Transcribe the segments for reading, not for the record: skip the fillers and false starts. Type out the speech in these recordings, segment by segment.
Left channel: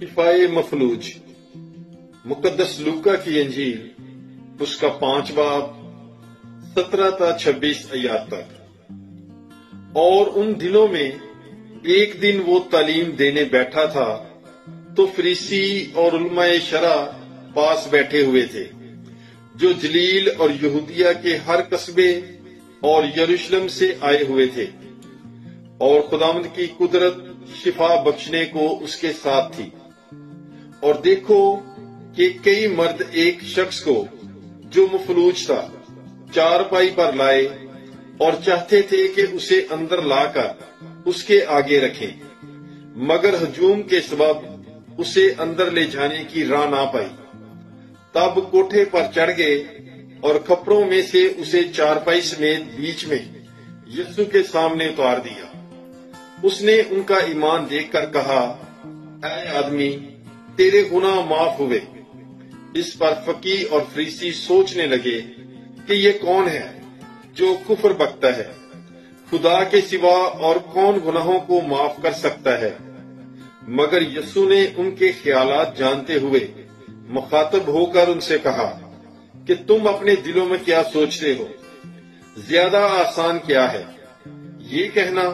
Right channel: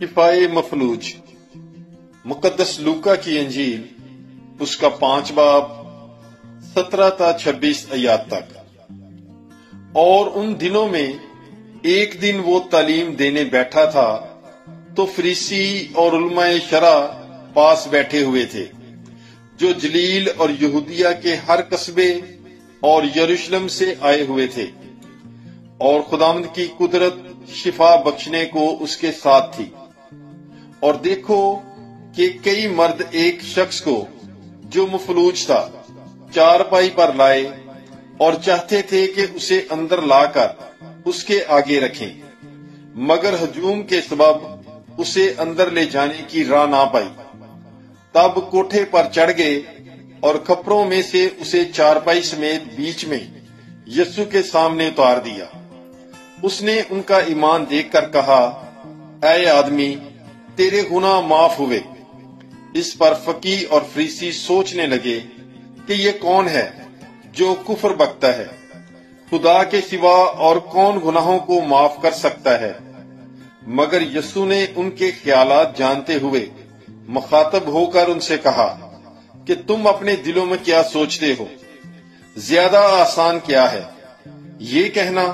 شفائے مفلوج، مقدس لوکا کی انجیل، اس کا 5 باب 17 تا 26 آیات تک۔ اور ان دنوں میں ایک دن وہ تعلیم دینے بیٹھا تھا تو فریسی اور علماء شرع پاس بیٹھے ہوئے تھے، جو جلیل اور یہودیہ کے ہر قصبے اور یروشلم سے آئے ہوئے تھے، اور خداوند کی قدرت شفا بخشنے کو اس کے ساتھ تھی۔ اور دیکھو کہ کئی مرد ایک شخص کو جو مفلوج تھا چارپائی پر لائے اور چاہتے تھے کہ اسے اندر لا کر اس کے آگے رکھیں، مگر ہجوم کے سبب اسے اندر لے جانے کی راہ نہ پائی۔ تب کوٹھے پر چڑھ گئے اور کھپروں میں سے اسے چارپائی سمیت بیچ میں یسوع کے سامنے اتار دیا۔ اس نے ان کا ایمان دیکھ کر کہا، اے آدمی، تیرے گناہ معاف ہوئے۔ اس پر فقیہ اور فریسی سوچنے لگے کہ یہ کون ہے جو کفر بکتا ہے؟ خدا کے سوا اور کون گناہوں کو معاف کر سکتا ہے؟ مگر یسوع نے ان کے خیالات جانتے ہوئے مخاطب ہو کر ان سے کہا کہ تم اپنے دلوں میں کیا سوچتے ہو؟ زیادہ آسان کیا ہے، یہ کہنا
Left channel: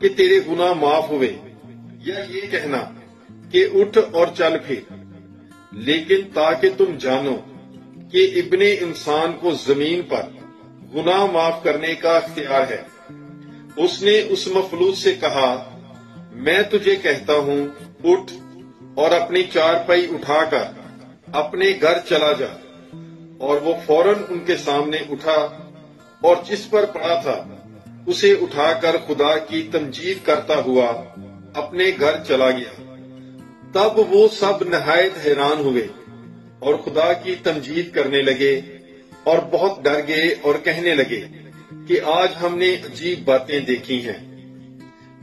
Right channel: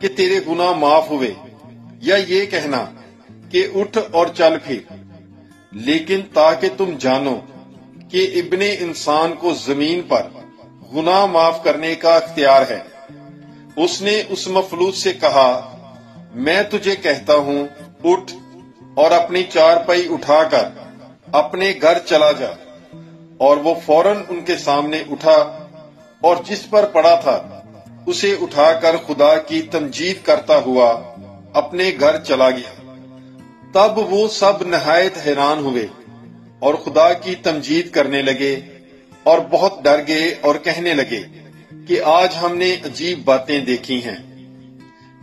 کہ تیرے گناہ معاف ہوئے، یا یہ کہنا کہ اٹھ اور چل پھر؟ لیکن تاکہ تم جانو کہ ابن انسان کو زمین پر گناہ معاف کرنے کا اختیار ہے۔ اس نے اس مفلوج سے کہا، میں تجھے کہتا ہوں، اٹھ اور اپنی چارپائی اٹھا کر اپنے گھر چلا جا۔ اور وہ فوراً ان کے سامنے اٹھا اور جس پر پڑا تھا اسے اٹھا کر خدا کی تمجید کرتا ہوا اپنے گھر چلا گیا۔ تب وہ سب نہایت حیران ہوئے اور خدا کی تمجید کرنے لگے اور بہت ڈر گئے اور کہنے لگے کہ آج ہم نے عجیب باتیں دیکھی ہیں۔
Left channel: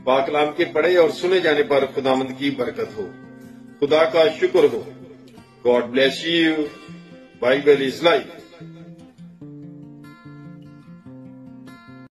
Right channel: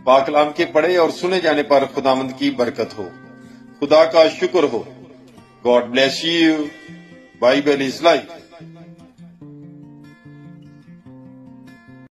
پاک کلام کے پڑھے اور سنے جانے پر خداوند کی برکت ہو۔ خدا کا شکر ہو۔ God bless you. Bible is life.